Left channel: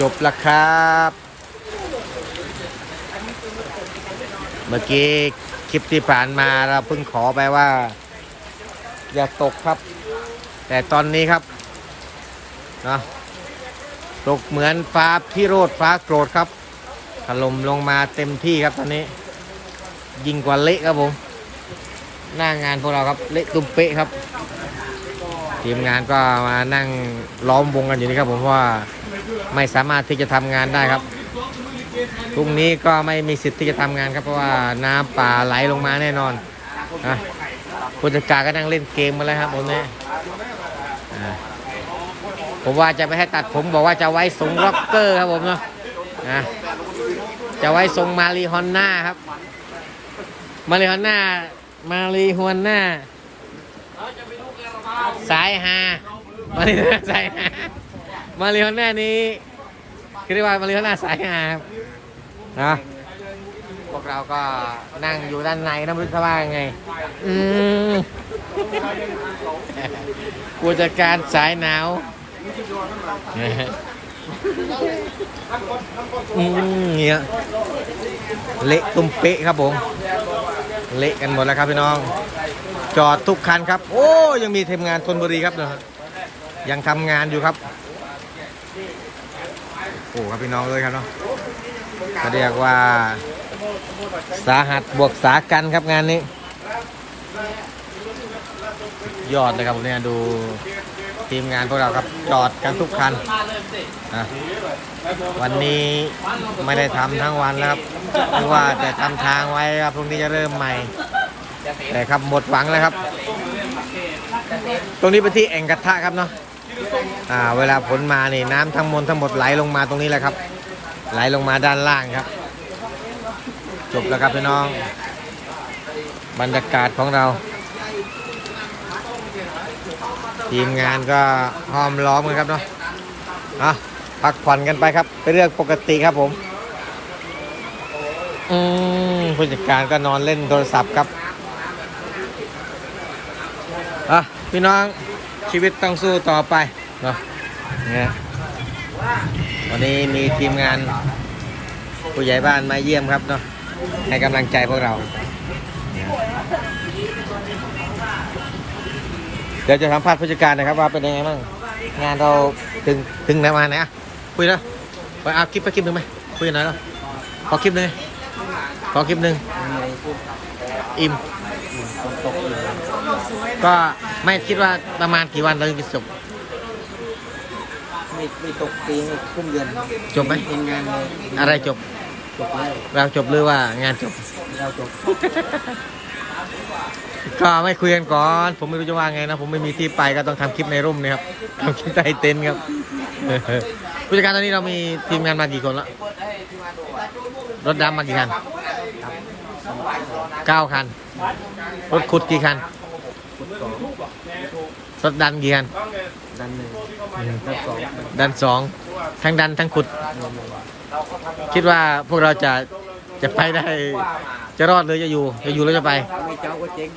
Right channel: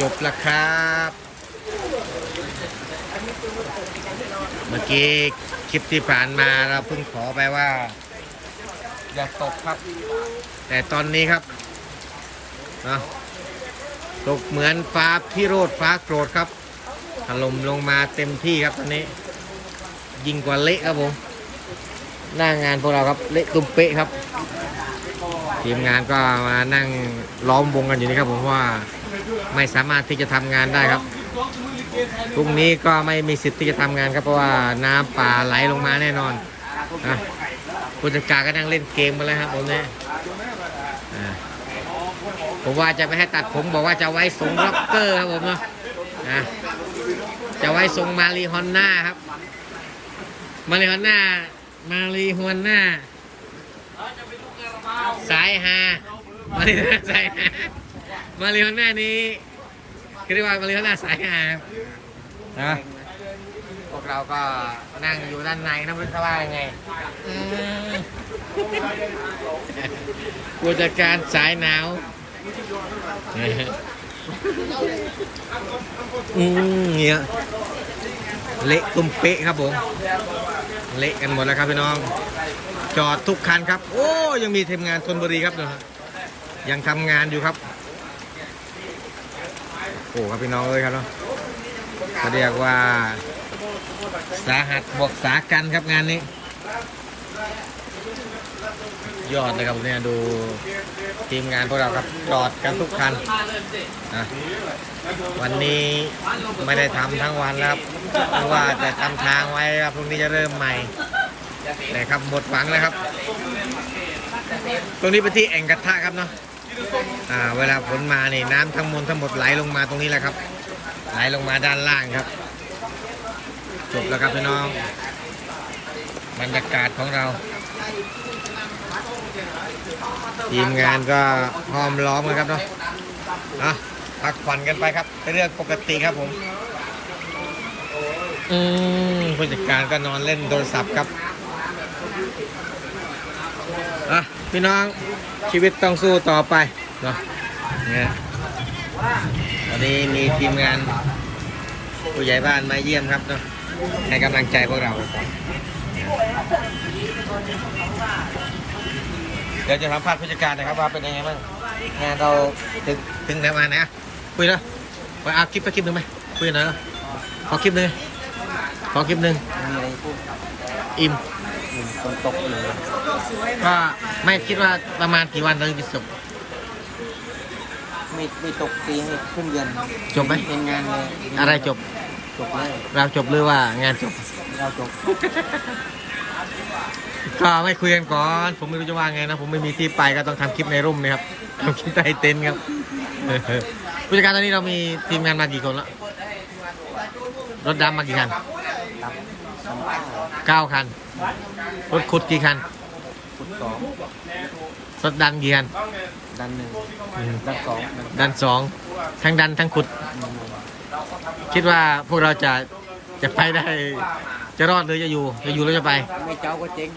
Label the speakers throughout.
Speaker 1: จบแล้วครับ เมื่อกี้คลิปที่ผ่านมาเราเพิ่งขอไปว่า อย่าตกครับ แต่ตอนนี้ครับนะตกเหมือนฟ้าพิโรธฟ้าโกรธครับถล่มลงมาเต็มที่ครับตอนนี้ ยิงกว่าเละครับผม หน้างานพวกเราครับเละตุ้มเป๊ะครับ ทีมงานก็มานั่งล้อมวงกันอยู่นี่ครับผมเพราะว่า ไม่สามารถที่จะทำงานได้ครับพรุ่งนี้ก็ไม่มีสิทธิ์ที่จะทำงานครับเพราะว่าน้ำป่าไหลลงมาแน่นอนนะผู้จัดการก็นั่งเล่นเกมมาแล้วครับผมเนี่ยอ่าผมว่าจะไม่ให้ตัดผมบอกว่าจะไว้ทรงร็อกเกอร์ครับผมเนาะอะจะไว้ทรงมารีฮอนน่าครับ มารีฮอนน่ามารีฮอนน่าสายฮามาริโอน่าสายฮา มาริโอน่านี้คือเรียกว่ามาริโอน่าสายฮานะพวกเราก็นั่งอยู่ด้านในน้ำลึกข้างล่างไง อืมผู้จัดการสายหนาวอืมเนี่ยเละตุ้มเป๊ะครับผม เละกันหมดแล้วครับพี่น้อง จอดทุกคันครับ โอ้ยังมีทีมงานธนบุรีครับเนอะยังทำงานอยู่ครับ โอ้ครับพี่น้องเลยครับเนาะก็เรียกว่าสาหัสบวกสากันครับงานนี้ ยอดเลยครับผมเนี่ยดูทีมงานพวกเราครับจอดกันทุกคันนะวันนี้ไม่ได้ทำทั้งวันนะครับเพราะว่าแต่ทำทางไว้ครับพรุ่งนี้จะเริ่มใหม่ แต่ครับหมดหวังแล้วครับ ตรงนี้เป็นที่แอ่งกระทะครับเนาะ อ่าเวลาฝนมานี่น้ำทั้งมดทั้งหมดไหลลงมาตรงนี้แหละครับ ไหลลงมาด้านล่างครับ จบแล้วครับพี่น้อง บรรยากาศของเรา ทีมงานก็ห้อมล้อมกันครับเนาะอะพักผ่อนกันไปครับเป็นเรื่องปกติครับผมอืมผู้จัดการก็นอนเล่นโทรศัพท์ครับอะพี่น้อง ชีวิตต้องสู้ต่อไปเนาะเนี่ยวันนี้มีทีมงานผู้ใหญ่บ้านมาเยี่ยมครับเนาะให้กำลังใจพวกเราเนี่ยเดี๋ยวจะสัมภาษณ์ผู้จัดการนะครับว่าเป็นยังไงบ้างงานเราถึงถึงไหนมาไหนอะคุยแล้วไปเอาคลิปไปคลิปหนึ่งไหมคุยหน่อยแล้วขอคลิปหนึ่งขอคลิปหนึ่ง
Speaker 2: มีอะไรพูด
Speaker 1: อิ่ม
Speaker 2: อืม ฝนตกอยู่
Speaker 1: ก็ไม่คิดว่าประมาณกี่วันเราจะจบ
Speaker 2: ไม่ไม่ตกปีให้ครึ่งเดือน
Speaker 1: จบไหม
Speaker 2: เป็นงานเลย
Speaker 1: อะไรจบ
Speaker 2: จบเลย
Speaker 1: เราจบหรือว่างานจบ
Speaker 2: เราจบ
Speaker 1: ก็ไม่คุยกันก่อน ผมไม่รู้จะว่าไงนะ ผมไม่มีที่ไปก็ต้องทำคลิปในร่มนะครับทำคลิปใต้เต็นท์ครับผู้จัดการตอนนี้เรามีทีมงานมากี่คนละรถดำมากี่คัน
Speaker 2: ตับสามข้าว
Speaker 1: เก้าคัน รถขุดกี่คัน
Speaker 2: ขุดสอง
Speaker 1: รถดันกี่คัน
Speaker 2: ดันหนึ่ง
Speaker 1: อืม
Speaker 2: ดันสอง
Speaker 1: ดันสองทั้งดันทั้งขุด
Speaker 2: อืม
Speaker 1: คิดว่าพวกเราจะจะไปได้ จะรอดหรือจะอยู่ จะอยู่หรือจะไป
Speaker 2: ไม่เจ้าก็เจ๊ง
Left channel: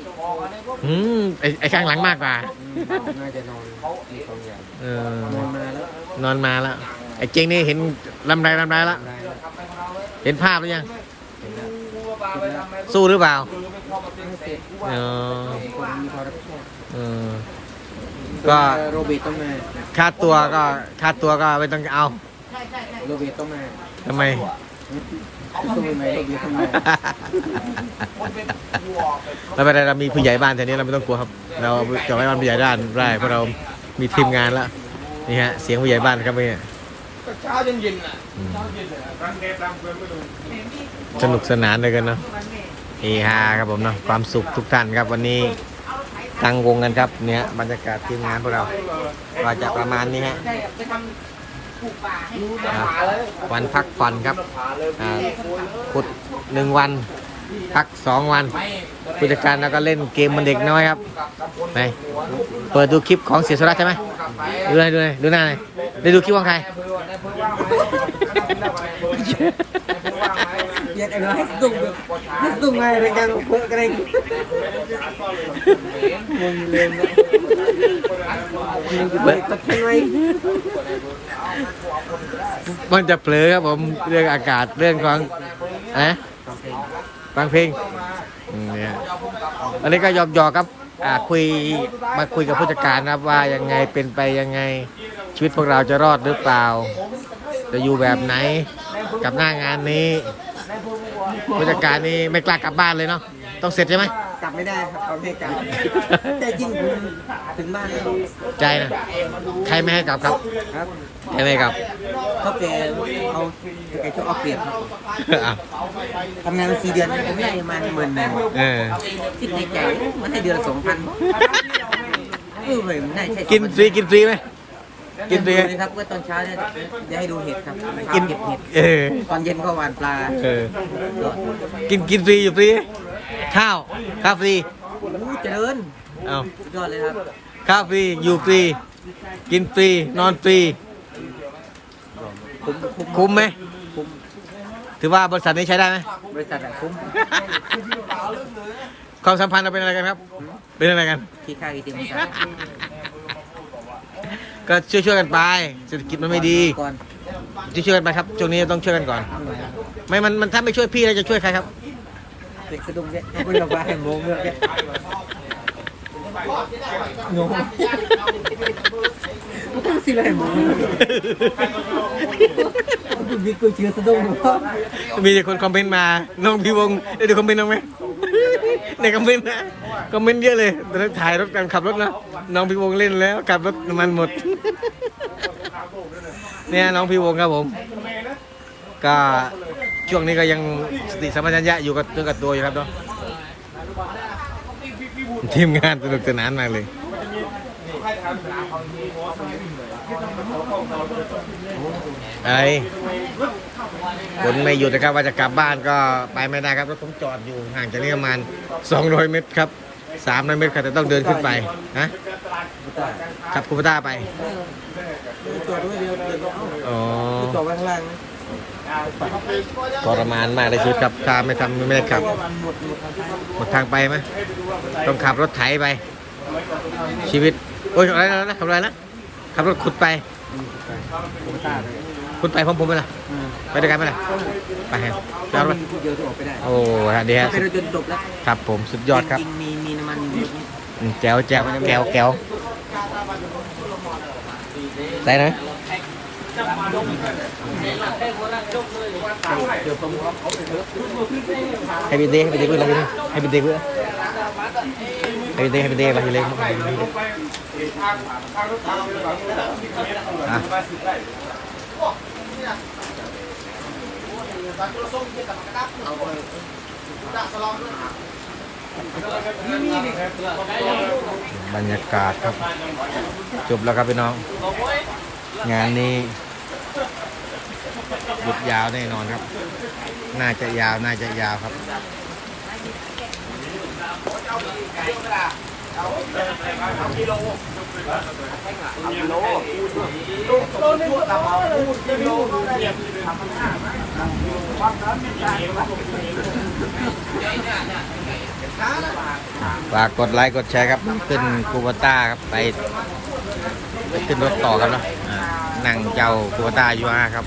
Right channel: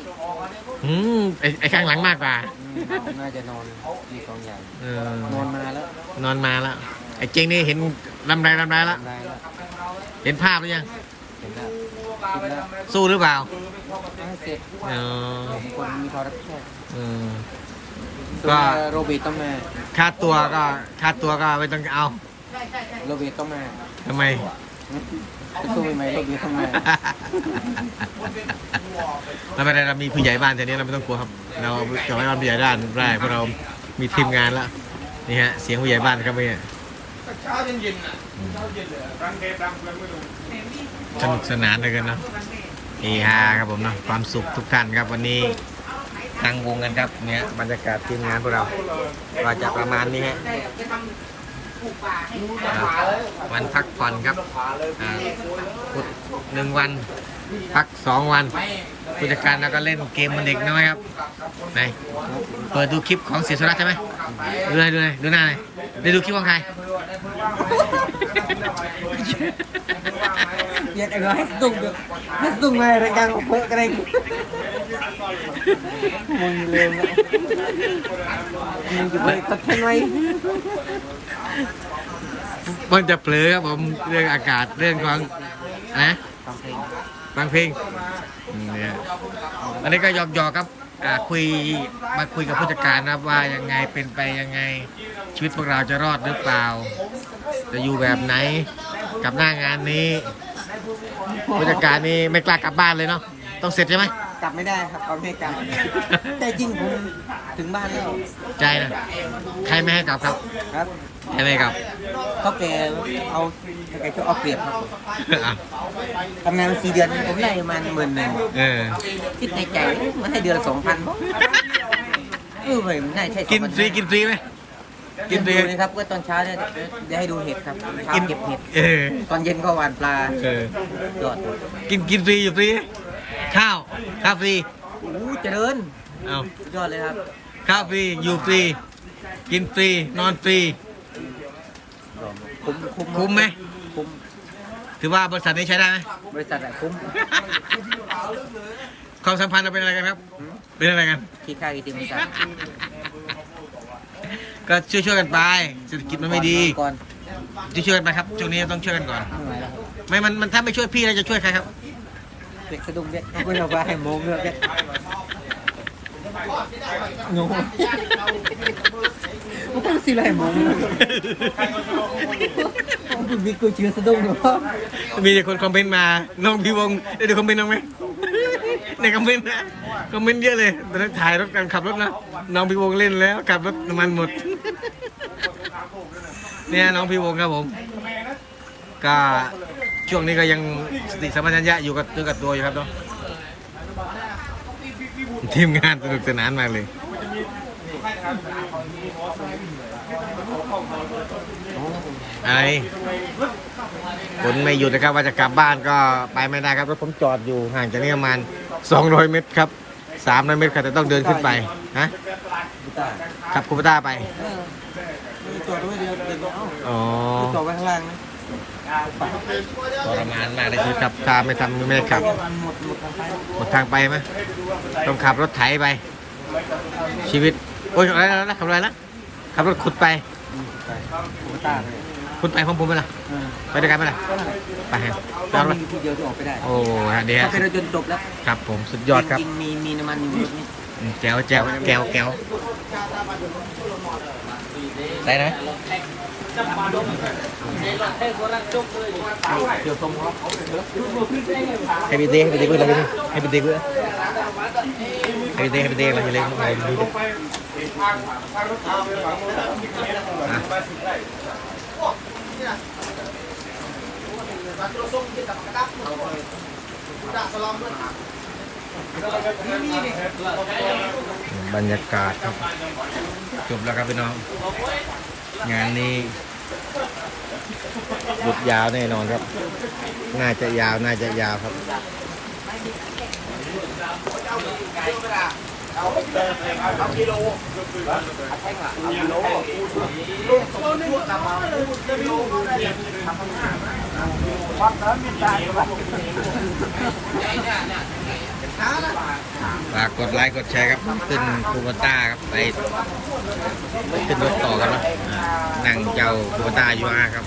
Speaker 1: อืมไอไอข้างหลังมากกว่า
Speaker 2: อืมน่าจะนอนมีสองอย่าง
Speaker 1: เออน
Speaker 2: อนมาแล้ว
Speaker 1: นอนมาแล้ว ไอ้เจงนี่เห็นลำไรลำไรแล้ว
Speaker 2: ได้แล้ว
Speaker 1: เห็นภาพหรือยัง สู้หรือเปล่า
Speaker 2: ไม่เสร็จ
Speaker 1: เออ
Speaker 2: คนมีความรับผิดชอบ
Speaker 1: เออ
Speaker 2: ส่วน
Speaker 1: ก็
Speaker 2: โรบิต้องมา
Speaker 1: ค่าตัวก็ค่าตัวก็ไม่ต้องเอา
Speaker 2: โรบิต้องมา
Speaker 1: ทำไม
Speaker 2: สู้ไหมโรบิต้องมา
Speaker 1: ไม่เป็นไรเรามีผู้ใหญ่บ้านแถวนี้เราไม่ต้องกลัวครับ เราจะไว้บ้านผู้ใหญ่ด้านได้เพราะเรามีทีมงานแล้วนี่ฮะเสียงผู้ใหญ่บ้านครับเนี่ยอืม สนุกสนานเลยกันเนาะเฮฮาครับผมเนาะความสุขทุกท่านครับวันนี้ตั้งวงกันครับเนี่ยบรรยากาศทีมงานพวกเราก็จะประมาณนี้ฮะอ่าวันพักผ่อนครับอ่าพุธหนึ่งวัน พักสองวันผู้จัดการเราก็เล่นเกมมันเด็กน้อยครับไหนเปิดดูคลิปของเสียสรัตใช่ไหมดูเลยดูเลยดูหน้าเลยได้ดูคลิปของใคร
Speaker 2: อยากเอาให้ตุ้งแบบให้ตุ้งไงรายการเพื่อกันเองมึงเร็วเนมึงจะไปตัดแค่ไหน
Speaker 1: มันจะเผลอครับผมเรื่องอากาศเรื่องของนะ
Speaker 2: ฟังเพลง
Speaker 1: เนี่ยอันนี้ก็หยอกหยอกๆครับอ่าคุยมาคุยกับผู้จัดการนะครับว่ายังไงเป็นไปยังไง ชีวิตพวกเราจะรอดหรือเปล่า จะอยู่แบบไหนกับหน้างานนี้ ผู้จัดการนี่ไม่กล้ากลับบ้านเลยเนาะต้องเสร็จใช่ไหม
Speaker 2: กลับไม่ได้ครับฟังเพลงกลับแต่จริงผมถึงบ้านแล้ว
Speaker 1: ใจนะใครไม่ให้กลับครับ
Speaker 2: ครับ
Speaker 1: ใครไม่ให้กลับ
Speaker 2: เขาแกเอาแกชอบเอาเปรียบครับผม
Speaker 1: อะ
Speaker 2: ทำงานมาสี่เดือนผมได้ประมาณหมื่นหนึ่ง
Speaker 1: เออ
Speaker 2: คิดในใจมันให้เดือนละสองพันเออเว้ยมันได้ใช่
Speaker 1: กินฟรีกินฟรีไหม กิ
Speaker 2: กิ
Speaker 1: น
Speaker 2: น
Speaker 1: ฟรี
Speaker 2: ดูเลยครับว่าตอนเช้าเนี่ยจะให้ดูเห็ดครับเช้า
Speaker 1: กิน
Speaker 2: เก็บเห็ด
Speaker 1: เออ
Speaker 2: ตอนเย็นก็หวานปลา
Speaker 1: เออ
Speaker 2: ยอดเลย
Speaker 1: กินกินฟรีอยู่ฟรี ข้าว ข้าวฟรี
Speaker 2: โอ้โหเจริญ
Speaker 1: เอา
Speaker 2: สุดยอดเลยครับ
Speaker 1: ข้าวฟรี อยู่ฟรี กินฟรี นอนฟรี
Speaker 2: คุ้มคุ้ม
Speaker 1: คุ้มไหม
Speaker 2: คุ้ม
Speaker 1: ถือว่าบริษัทนี้ใช้ได้ไหม
Speaker 2: บริษัทอะคุ้ม
Speaker 1: ความสัมพันธ์เราเป็นอะไรกันครับ
Speaker 2: หืม
Speaker 1: เป็นอะไรกัน
Speaker 2: ที่ค่ายอีทีมกัน
Speaker 1: ก็ช่วยช่วยๆกันไปเศรษฐกิจมันไม่ดี
Speaker 2: ก่อน
Speaker 1: ช่วยช่วยๆกันไปครับช่วงนี้ต้องช่วยกันก่อน
Speaker 2: ไม่ไหวแล้ว
Speaker 1: ไม่มันมันถ้าไม่ช่วยพี่แล้วจะช่วยใครครับ
Speaker 2: เด็กสะดุ้งเนี่ยเขาบอกว่าให้โมงเงือกเนี่ยงงมันก็สิไรโมงเงือกคุณมีกูเชื่อสะดุ้งเหรอ
Speaker 1: มีแต่คนคอมเมนต์มาน้องพี่วงได้ดูคอมเมนต์น้องไหม ในคอมเมนต์นะคอมเมนต์เยอะเลยตอนนี้ถ่ายรถกันขับรถนะน้องพี่วงเล่นแล้วขับรถน้ำมันหมด เนี่ยน้องพี่วงครับผม ก็ช่วงนี้ก็ยังสติสัมปชัญญะอยู่กับตัวกับตัวอยู่ครับเนาะทีมงานสนุกสนานมากเลย ไอ้ฝนไม่หยุดนะครับว่าจะกลับบ้านก็ไปไม่ได้ครับรถผมจอดอยู่ห่างจากนี้ประมาณ 200 เมตรครับ300เมตรครับแต่ต้องเดินขึ้นไปฮะขับคูปต้าไป
Speaker 2: ตัวด้วยเดียวเดินก็เอา
Speaker 1: อ๋อ
Speaker 2: ตัวไว้ข้างล่างนะ
Speaker 1: ทรมานมากเลยคือขับถ้าไม่ทำไม่ได้ขับหมดทางไปไหมต้องขับรถไถไป ชีวิต โอ้ยอะไรนะขับอะไรนะขับรถขุดไป
Speaker 2: กูตายเลย
Speaker 1: ขุดไปพร้อมผมไหมล่ะ
Speaker 2: เออ
Speaker 1: ไปด้วยกันไหมล่ะไปฮะจ
Speaker 2: ตอ
Speaker 1: อนดไป
Speaker 2: มีที่เดียวที่ออกไปได้
Speaker 1: โอ้ฮะเดี๋ยว
Speaker 2: ถ้าเป็นรถยนต์จบแล้ว
Speaker 1: ครับผมสุดยอดครับ
Speaker 2: จงๆมีมีน้ำมันอยู่รถนี้
Speaker 1: อืมแก้วแก้วแก้วแก้วไหนนะให้ไปเด้ให้ไปเด้เพื่อนเราไปเด้ให้ไปเด้เพื่อนให้ไปเด้ให้ไปเด้เราอยู่เลยเข้าไปอยู่เลยอะ บรรยากาศครับ จบแล้วครับพี่น้อง งานนี้หยุดยาวแน่นอนครับ น่าจะยาวน่าจะยาวครับ ฝากกดไลค์กดแชร์ครับขึ้นคูบต้าครับไปไปขึ้นรถต่อครับเนาะอ่านั่งเจ้าคูบต้ายูอาครับ